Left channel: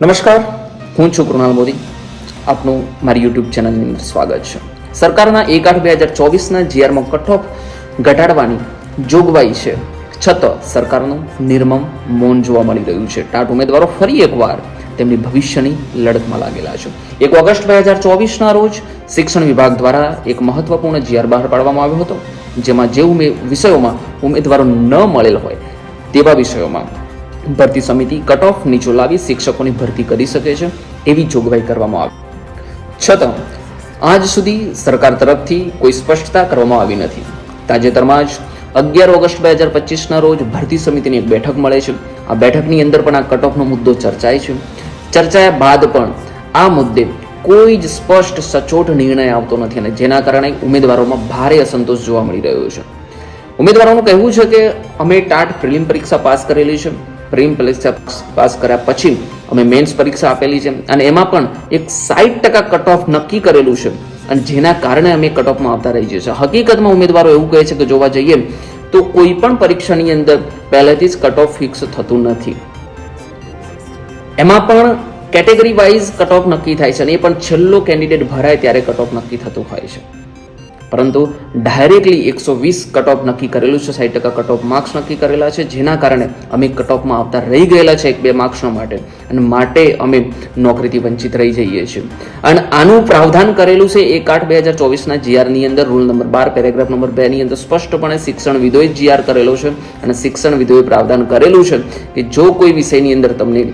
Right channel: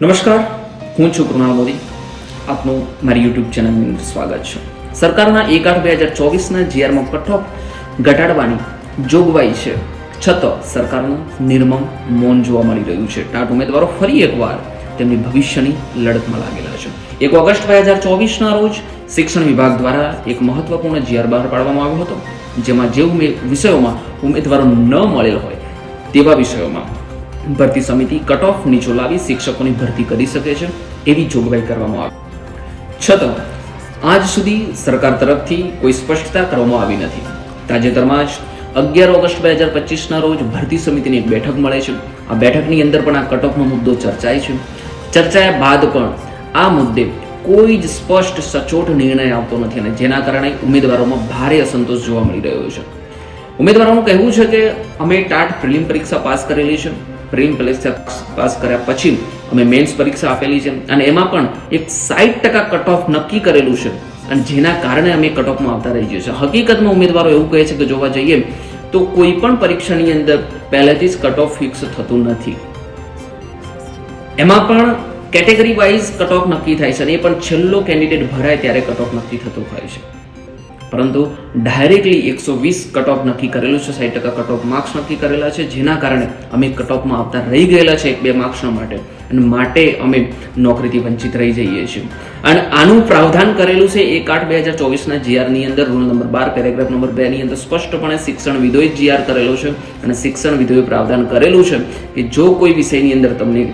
નમસ્કાર હું છું કૃણાલ મોદી. આપનું મારી યુટ્યુબ ચેનલની સ્વાગત છે. સરકારના એક આઠ બે હજાર ચોવીસના જીઆરમાં કટઓફ ઘટાડવાની જોગવાઈ છે. છતાં સરકારનું નિર્મમ મૌન જોવા મળી રહ્યું છે. ટાટ ઉમેદવારો ફરી એકવાર તેમની ભવિષ્યની લડતમાં લાગેલા છે. એક ઓગસ્ટ બે હજાર ચોવીસના રોજ શિક્ષણ વિભાગ દ્વારા એક મહત્વપૂર્ણ જીઆર બહાર પાડવામાં આવ્યો હતો, જેમાં જે વિષયોમાં ઉમેદવારો ન મળેલ હોય તેવા વિષયોમાં ભરતી સમિતિ કટ ઓફ નીચો લાવી શિક્ષકોની ભરતી કરી શકે છે એવી જોગવાઈ કરવામાં આવી. છતાં આજ સુધી સરકાર તરફથી કોઈ સ્પષ્ટતા કરવામાં આવી નથી. તાજેતરમાં જ અગિયાર ઓગસ્ટ બે હજાર પચીસના રોજ ભરતી સમિતિની બેઠક મળે છે. આ બેઠકની અંદર પણ આ કટઓફનો મુદ્દો ચર્ચાય છે. ચર્ચાયા બાદ પણ આ મુદ્દે કોઈ જ સ્પષ્ટ સચોટ નિર્ણય આવતો નથી અને જેના કારણે ઉમેદવારોમાં ભારે અસંતોષ જોવા મળી રહ્યો છે. ઉમેદવારોનું કહેવું છે કે અમે ટાટ પ્રિલિમ પરીક્ષા પાસ કરેલી છે. પ્રિલિમ પરીક્ષા પાસ કર્યા પછી અમે મેન્સ પરીક્ષા આપેલી છે અને એમાં પણ એક સાઠ ટકા કટ ઓફ નક્કી કરેલું છે. અને જેના કારણે અમે કટ ઓફમાં આવતા રહી જઈએ છીએ. હકીકતમાં ઉમેદવારો એવું કહે છે કે જોવા જઈએ તો કોઈ પણ પરીક્ષાની અંદર પહેલેથી જ કટ ઓફ ફિક્સ થતું નથી. એમાં પણ કેટેગરી વાઇઝ કટ ઓફ નક્કી થાય છે અને એ પણ છેલ્લો કેન્ડિડેટ ભરાય ત્યારે કટ ઓફ નક્કી થતું હોય છે. પરંતુ ડાયરેક્ટલી એકસો વીસ કટ ઓફ નક્કી કરેલું છે, સાઠ ટકા કટ ઓફ માર્ક્સ નક્કી કરેલા છે, જેના કારણે અમે કટ ઓફમાં આવતા રહી ગયેલા છે એક બે માર્ક્સના માટે અને માટે અમે નોકરીથી વંચિત રહી જઈએ છીએ. અને આનું પ્રાવધાન કરેલું છે, એક આઠ બે હજાર ચોવીસના જીઆરની અંદર રૂલ નંબર બાર પેરેગ્રાફ નંબર બેની અંદર સ્પષ્ટપણે શિક્ષણ વિધોએ જીઆર કરેલો છે અને શિક્ષણ વિધોએ પ્રાવધાન કરેલું છે કે જો કોઈ વિષયની અંદર તમને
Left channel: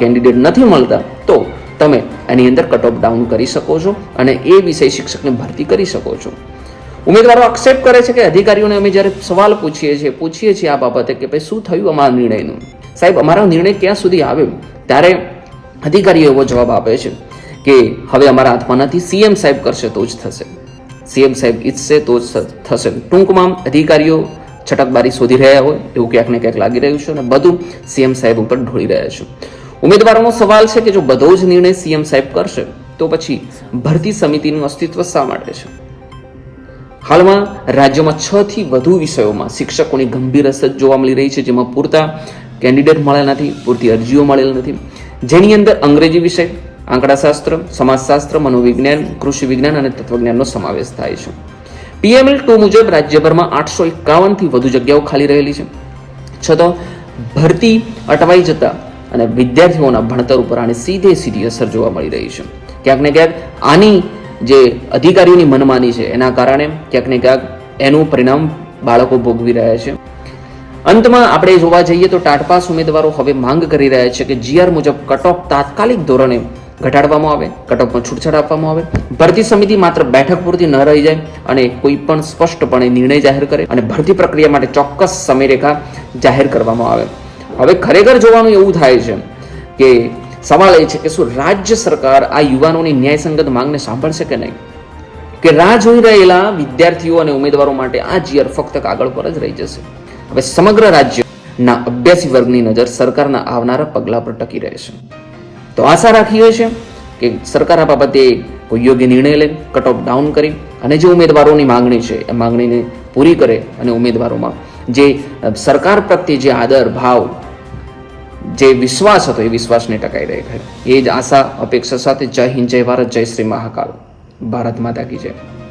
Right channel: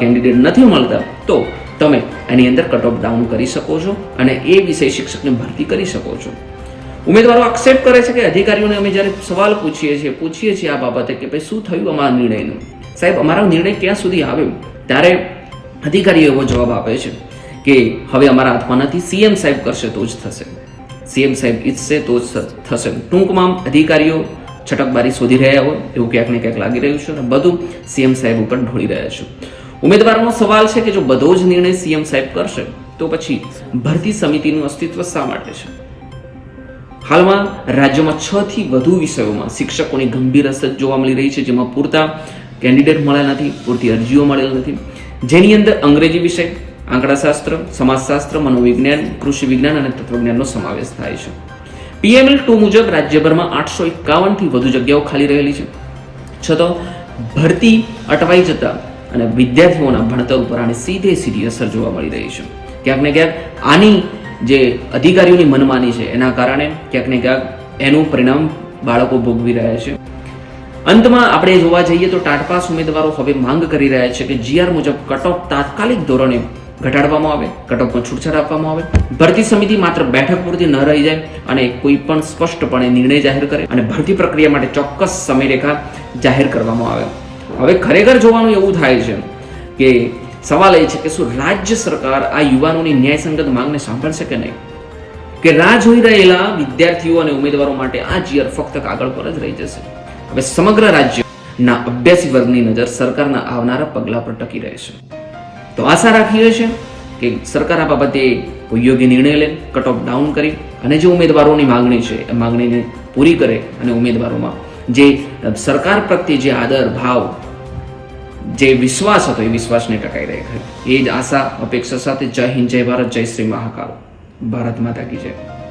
કેન્ડિડેટ નથી મળતા, તો તમે એની અંદર કટ ઓફ ડાઉન કરી શકો છો અને એ વિષય શિક્ષકની ભરતી કરી શકો છો. ઉમેદવારો એક્સેપ્ટ કરે છે કે અધિકારીઓને અમે જ્યારે સવાલ પૂછીએ છીએ પૂછીએ છીએ આ બાબતે કે ભાઈ શું થયું અમારા નિર્ણયનું? સાહેબ, અમારો નિર્ણય ક્યાં સુધી આવ્યો ત્યારે અધિકારીઓ એવો જવાબ આપે છે કે હવે અમારા હાથમાં નથી સીએમ સાહેબ કરશે તો જ થશે. સીએમ સાહેબ ઈચ્છશે તો જ થશે. ટૂંકમાં અધિકારીઓ છટકબારી શોધી રહ્યા હોય, એવું ક્યાંક ને ક્યાંક લાગી રહ્યું છે અને બધું સીએમ સાહેબ ઉપર ઢોળી રહ્યા છે. ઉમેદવારોનો સવાલ છે કે જો બધો જ નિર્ણય સીએમ સાહેબ કરશે, તો પછી ભરતી સમિતિનું અસ્તિત્વ શા માટે છે? હાલમાં રાજ્યમાં છ થી વધુ વિષયોમાં શિક્ષકોની ગંભીર અસર જોવા મળી રહી છે, જેમાં પૂરતા કેન્ડિડેટ મળ્યા નથી, પૂરતી અરજીઓ મળેલ નથી. જેની અંદર અંગ્રેજી વિષય, આંકડાશાસ્ત્ર, સમાજશાસ્ત્ર, મનોવિજ્ઞાન કૃષિ વિજ્ઞાન અને તત્વજ્ઞાનનો સમાવેશ થાય છે. પીએમએલ ટુ મુજબ રાજ્યભરમાં આઠસો એકાવનથી વધુ જગ્યાઓ ખાલી રહેલી છે. છતાં, ભરતી અટવાઈ જતા અને વિદ્યાર્થીઓના ભણતર ઉપર આની સીધે સીધી અસર જોવા મળી રહી છે. ક્યાંક ને ક્યાંક આની જે અધિકારીઓની મનમાની છે, એના કારણે ક્યાંક ને ક્યાંક એનું પરિણામ બાળકો ભોગવી રહ્યા છે. અંતમાં આપણે જોવા જઈએ તો ટાટપાસ ઉમેદવારો હવે માંગ કરી રહ્યા છે કે જીઆર મુજબ કટઓફ તાત્કાલિક ધોરણે ઘટાડવામાં આવે, કટઓફમાં છૂટછાટ આપવામાં આવે. ભરતી સમિતિ માત્ર બેઠક પૂરતી ન રહી જાય અને કોઈ પણ સ્પષ્ટપણે નિર્ણય જાહેર કરે અને ભરતી પ્રક્રિયા માટે ચોક્કસ સમયરેખા જાહેર કરવામાં આવે. હવે ખરેખર જોવાનું એવું થાય છે કે સવાલ એ છે કે શું રાજ્ય સરકાર આ યુવાનોની ન્યાયસંગત માંગને સાંભળશે કે નહીં? કે રાહ જોઈ રહેલા વિદ્યાર્થીઓ અને ઉમેદવારો માટે આ જીઆર ફક્ત કાગળ પર જ રહી જશે. હવે સમગ્ર રાજ્યના અભ્યાસી વર્ગની નજર સરકારના આવનારા પગલા પર ટકી રહેશે તો આશા રાખીએ છે કે સરકાર આ બાબતે કોઈ યોગ્ય નિર્ણય લે કટ ઓફ ડાઉન કરી અને જે ઉમેદવારોની માંગણી છે, એ માંગણીને પૂરી કરે અને ઉમેદવારોમાં જે સરકાર પ્રત્યે જે આદર, ભાવ જે વિશ્વાસ હતો એ વિશ્વાસને ટકાઈ રહે એ જ આશા, અપેક્ષા સાથે જય હિન્દ, જય ભારત, જય શ્રી મહાકાલ. ભારત માતા કી જય.